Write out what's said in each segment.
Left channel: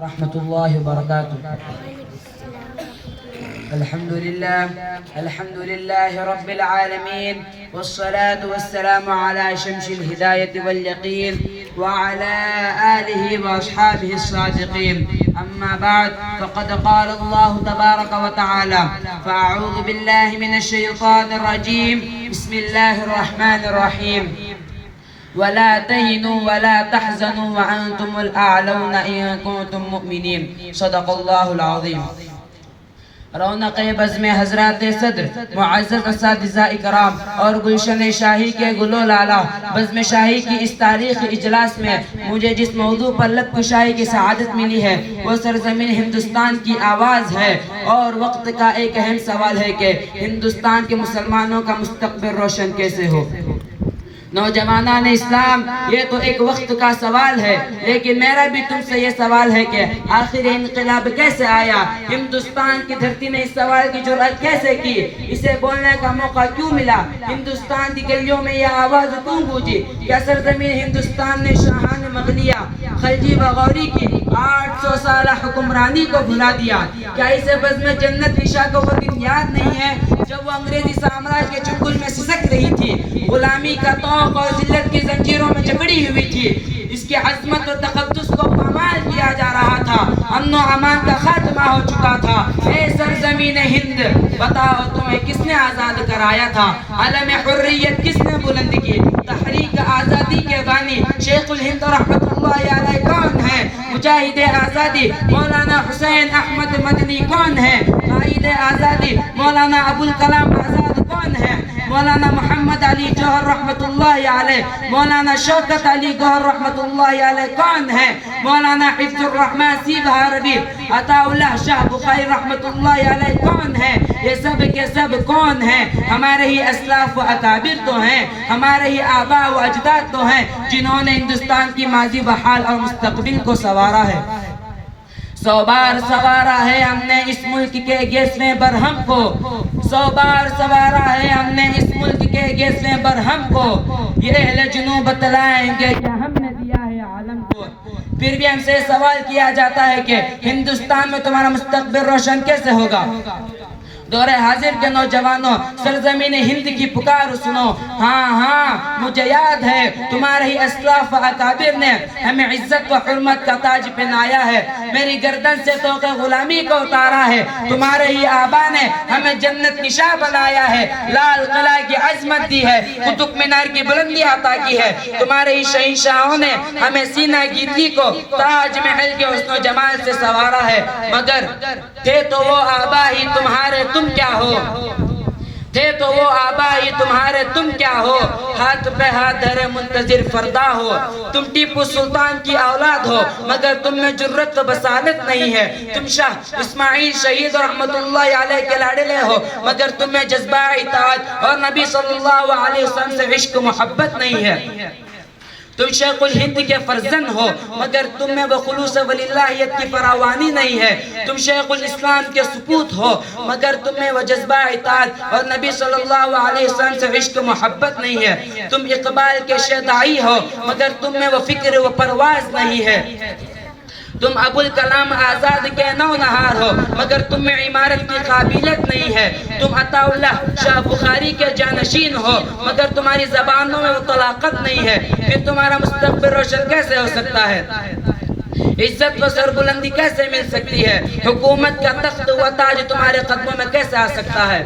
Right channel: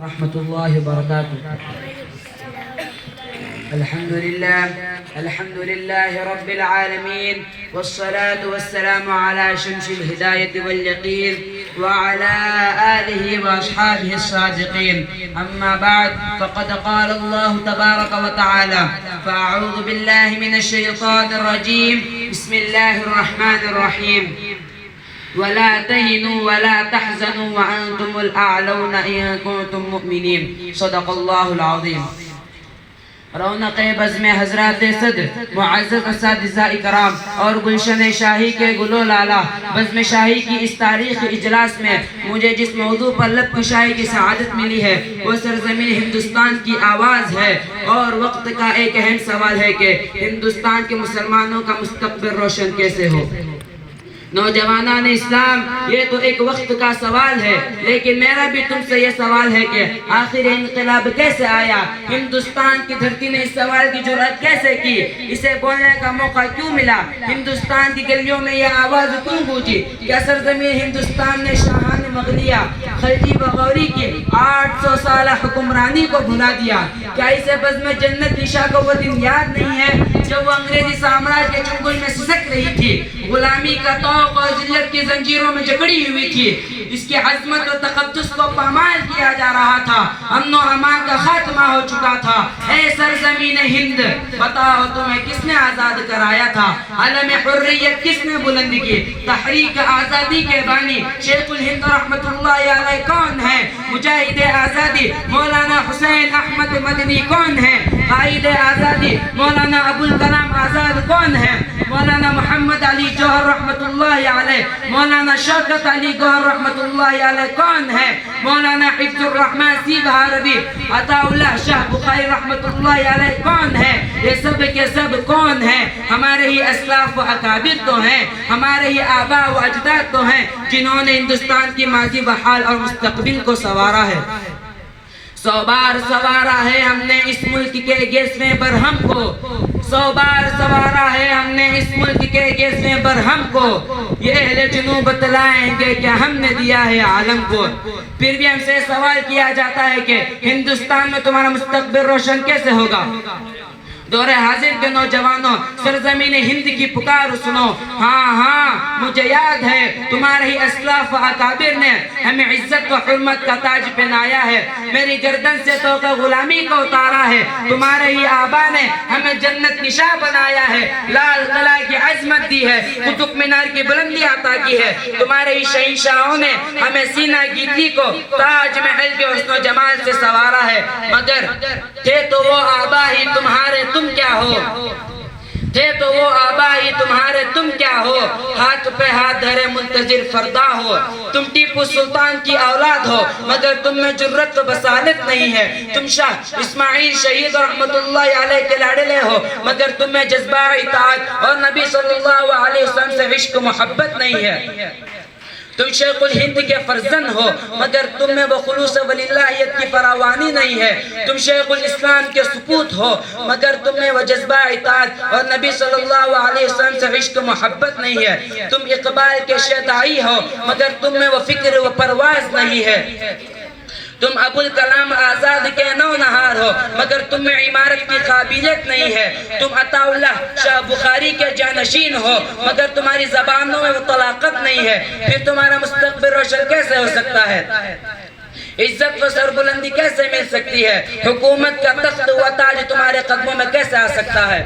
ورحمة الله وبركاته. الحمد لله رب العالمين، والصلاة والسلام على شمس الهداية واليقين وعلى آله وأصحابه الصادقين. أما بعد، فقد قال الله تبارك وتعالى: فأعوذ بالله من الشيطان الرجيم، بسم الله الرحمن الرحيم. ولا تهنوا ولا تحزنوا وأنتم الأعلون إن كنتم مؤمنين. صدق الله العظيم. رونق بزم حضرات صدر معزز اساتذہ اکرام اور گلشن شاہی کے گلو لالا، بزم شاہی کی اس تاریخی اجلاس میں مجھے جس موضوع پر لب کشائی کی سعادت ملی ہے وہ سرزمین ہندوستان کی آواز ہے، اور وقت کا ایک اہم سوال ہے کہ ہندوستان کے مسلمانوں کا مستقبل روشن کیسے ہو۔ نوجوانان اسلام، یہ تو ایک وقت کا سوال ہے، لیکن میرا بھی تم سے یہ سوال ہے کہ آخر انقلاب کیسے آیا؟ ہندوستان کی دھرتی نے اس سوال کی جرأت کیسے کی؟ اسے بولنے کا موقع کیوں ملا؟ ہندوستان کی گلیوں میں یہ آواز کیوں گونجی؟ کیا سرزمین ہندوستان نے شاہان مغلیہ خلجی و غوری کی 800 سالہ حکمرانی کو بھلا دیا؟ کیا اسے بزم جنت عشاء کو وہ دن یاد نہیں ہے جب وہ انگریزی سامراج کے چنگل میں سسک رہی تھی، غلامی کا توق اور ذلت کی زنجیروں میں جکڑی ہوئی تھی، اس کی عظمت و تقدس کو پامال کیا جا رہا تھا، امن و امان کا خاتمہ ہو چکا تھا؟ اے سرزمین ہند، بتاؤ تمہیں کس نے آزاد کرایا تھا؟ علم حریت کس نے بلند کی؟ تحریک آزادی کے بانی شیخ الہند رحمت اللہ علیہ کون ہے؟ مجاہد آزادی مولانا حسین احمد مدنی کون ہے؟ قائد آزادی مولانا ابوالکلام آزاد کون ہے؟ مولانا محمد علی جوہر رحمت اللہ علیہ، مولانا شوکت علی گوہر رحمت اللہ علیہ کون ہے؟ مولانا حفظ الرحمن سیب عربی، عطا اللہ شاہ بخاری رحمت اللہ علیہ کون ہے؟ یہ سب کے سب کون ہیں؟ ہمارے ہی اسلاف و اکابر تو ہیں، ہمارے ہی آباء و اجداد تو ہیں جنہوں نے ہندوستان کی ماضی و حال اور مستقبل کو سنوارا ہے۔ 100 بار سوارا ہے ہم نے اس ملک کے 11ویں برہم کو، 100 بار سوارا ہے ہم نے اس ملک کے 11ویں برہم کو، یہ اہل جنوب بتلائیں گے کہ ہم نے دیا ہے عالم کو۔ پھر بھی ہم سے سوال کیا جاتا ہے کہ ہندوستان میں تمہارا مستقبل روشن کیسے ہوگا؟ دور حاضر کے نوجوانوں، سرزمین ہند کی پکار سنو۔ ہاں مجھے یاد ہے تمہارے ہی اسلاف و اکابر نے ہمیں عزت و حرمت کا تاج پہنایا ہے، میری گردن سے توق غلامی کو اتارا ہے، تمہارے ہی آبا نے ہمیں جنت نشاں بنایا ہے، لال قلعہ کی عظمت دی ہے، قطب مینار کی بلندی عطا کی ہے، تمہارے ہی شہنشاہوں نے ہمیں سینہ گیتی کو تاج محل کے حسن و جمال سے سنوارا ہے، مگر تھے تو وہ آبا ہی تمہارے، تم کیا ہو؟ تھے تو وہ آبا ہی تمہارے، تم کیا ہو؟ ہاتھ پہ ہاتھ دھرے منتظر فردا ہو، تم ٹیپو سلطان کی اولاد ہو، مگر تم میں جرت و بصالت نہیں ہے، تم شاہ اسماعیل شہید رحمت اللہ علیہ کے لاڈلے ہو، مگر تم میں جذبہ اطاعت اور نبی صلی اللہ علیہ وسلم سے عشق و محبت نہیں ہے، تم شیخ الہند کے فرزند ہو، مگر تم میں وہ خلوص ولی اللہیت کی فراوانی نہیں ہے، تم شیخ الاسلام کے سپوت ہو، مگر تم میں وہ جذبہ اطاعت اور نبی صلی اللہ علیہ وسلم سے عشق و محبت نہیں ہے، تم اقبال کے شیدائی ہو، مگر تم میں وہ فکر و پرواز نہیں ہے، تم ابوالکلام آزاد کے نونہار ہو، مگر تم میں عمارت کی قابلیت نہیں ہے، تم عطا اللہ شاہ بخاری کے جانشین ہو، مگر تمہاری زبانوں میں وہ طلاقت نہیں ہے، پھر تمہارا مستقبل روشن کیسے ہو سکتا ہے؟ عزت و سربلندی کیسے مل سکتی ہے؟ حکومت کا تخت و تاج تمہارے قدموں میں کیسے آ سکتا ہے؟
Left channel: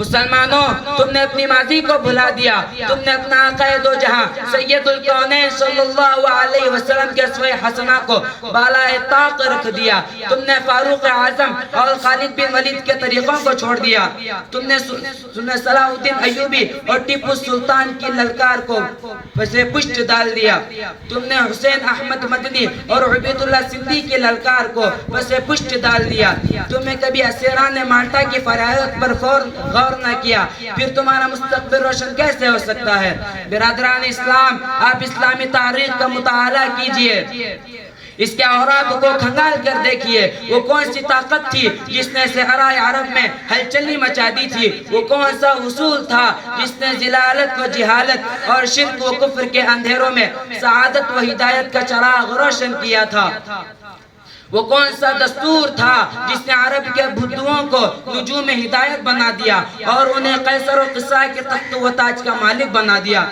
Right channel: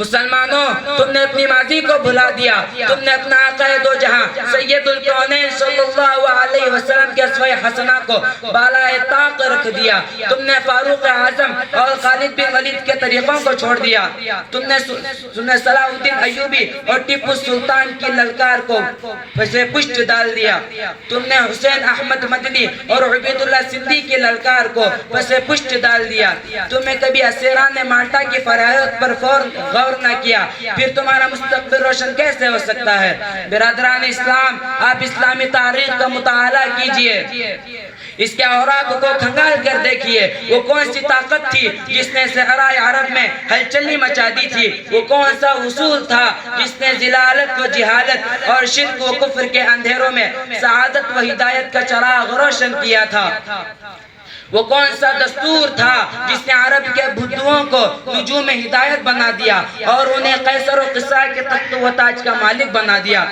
مسلمانوں، تم نے اپنی ماضی کو بھلا دیا، تم نے اپنا آقا دو جہاں سید الکونین صلی اللہ علیہ وسلم کے اسوہ حسنہ کو بالائے طاق رکھ دیا، تم نے فاروق اعظم اور خالد بن ولید کے طریقوں کو چھوڑ دیا، تم نے صلاح الدین ایوبی اور ٹیپو سلطان کی للکار کو پشت ڈال دیا، تم نے حسین احمد مدنی اور عبید اللہ سندھی کی للکار کو پشت ڈال دیا، تمہیں کبھی اسیران مالٹا کی فرایت پر غور نہ کیا، پھر تمہارا مستقبل روشن کیسے ہو سکتا ہے؟ برادران اسلام، آپ اسلامی تاریخ کا مطالعہ کیجئے، اس کے اوراق کو کھنگال کر دیکھیے، وہ کون سی طاقت تھی جس نے صحرائے عرب میں ہلچلی مچا دی تھی؟ وہ کون سا اصول تھا جس نے ضلالت و جہالت اور شرک و کفر کے اندھیروں میں سعادت و ہدایت کا چراغ روشن کیا تھا؟ وہ کون سا دستور تھا جس نے عرب کے بدھوؤں کو نجوم ہدایت بنا دیا اور انہیں قیصر و قصر کے تخت و تاج کا مالک بنا دیا؟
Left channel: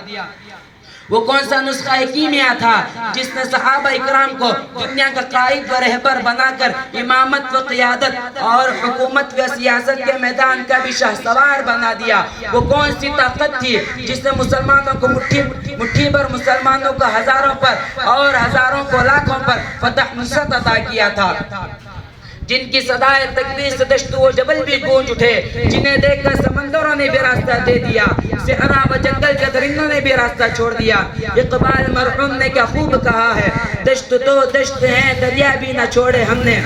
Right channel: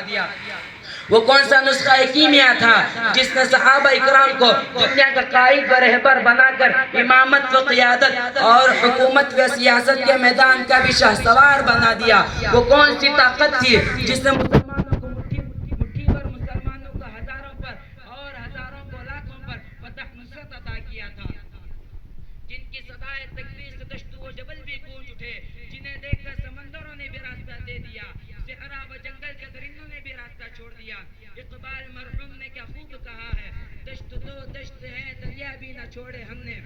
وہ کون سا نسخہ کیمیا تھا جس نے صحابہ اکرام کو دنیا کا قائد و رہبر بنا کر امامت و قیادت اور حکومت و سیاست کے میدان کا بھی شاہ سوار بنا دیا؟ وہ کون سی طاقت تھی جس نے مسلمانوں کو مٹھی بھر مسلمانوں کو ہزاروں پر اور ہزاروں کو لاکھوں پر فتح نصرت عطا کیا تھا؟ جن کی صدائے تکبیر سے دشت و جبل بھی گونج اٹھے، جنہیں دیکھ کر سمندروں نے بھی راستہ دے دیا، صحرا و جنگل کے درندوں نے بھی راستہ چھوڑ دیا۔ اقبال مرحوم نے کیا خوب کہا ہے، دشت تو دشت ہیں دریا بھی نہ چھوڑے ہم نے،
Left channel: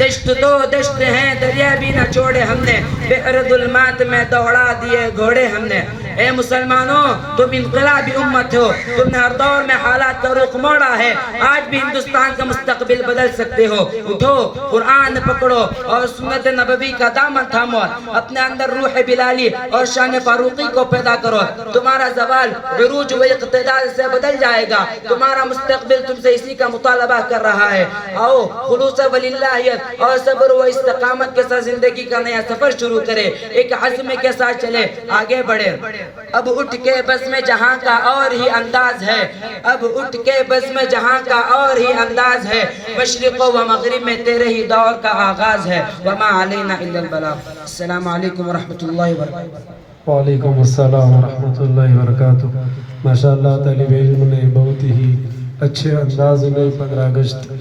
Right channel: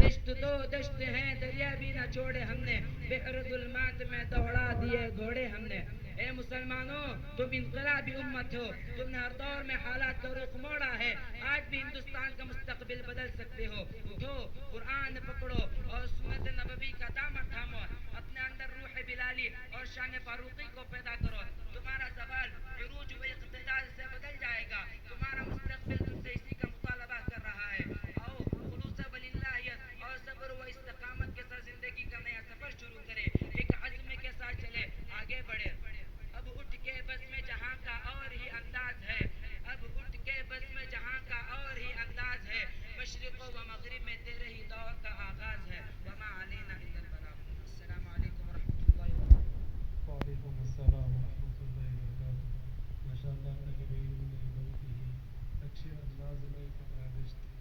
دشت تو دشت ہیں دریا بھی نہ چھوڑے ہم نے، بحر ظلمات میں دوڑا دیے گھوڑے ہم نے۔ اے مسلمانوں، تم انقلابی امت ہو، تم نے ہر دور میں حالات کا رخ موڑا ہے، آج بھی ہندوستان کا مستقبل بدل سکتے ہو۔ اٹھو، قرآن پکڑو اور سنت نبوی کا دامن تھامو، اپنے اندر روح بلالی اور شان فاروقی کو پیدا کرو۔ تمہارا زوال عروج و اقتدار سے بدل جائے گا، تمہارا مستقبل تم سے اسی کا مطالبہ کر رہا ہے۔ آؤ خلوص وللہیت اور صبر و استقامت کے ساتھ زندگی کا نیا سفر شروع کرے، ایک عزم کے ساتھ چلے، آگے بڑھے۔ اب اٹھ کے بزم جہاں کا اور ہی انداز ہے، اب اٹھ کے بزم جہاں کا اور ہی انداز ہے، مشرق و مغرب میں تیرے ہی دور کا آغاز ہے، وما علینا الا البلاغ۔ السلام علیکم ورحمۃ اللہ وبرکاتہ۔ وعلیکم السلام ورحمۃ اللہ وبرکاتہ۔ ماشاءاللہ طالب علم نے بہت ہی اچھے انداز میں 15 اگست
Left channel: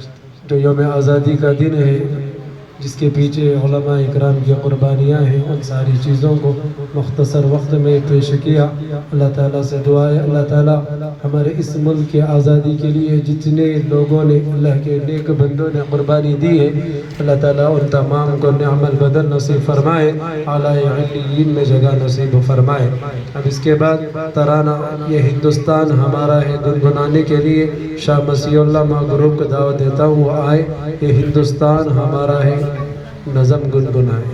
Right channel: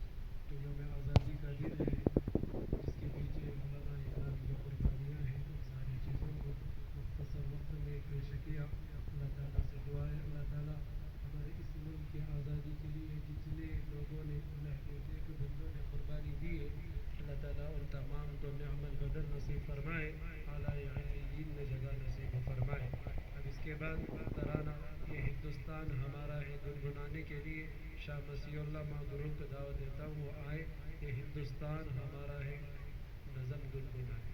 جو یوم آزادی کا دن ہے، جس کے پیچھے علماء اکرام کی قربانیاں ہیں، ان ساری چیزوں کو مختصر وقت میں پیش کیا۔ اللہ تعالیٰ سے دعا ہے اللہ تعالیٰ ہمارے اس ملک کے آزادی کے لیے جتنے لوگوں نے اللہ کے نیک بندوں نے قربانی دی ہے، اللہ تعالیٰ ان تمام کو نعم البدن نصیب فرمائے، اعلیٰ علیین میں جگہ نصیب فرمائے۔ اب اس کے بعد ترانہ یہ ہندوستان ہمارا ہے گنگنانے کے لیے شاہ مسیح اللہ ماں گروپ کو دعوت دیتا ہوں، وہ آئے، یہ ہندوستان ہمارا ہے، نظم گنگنائے۔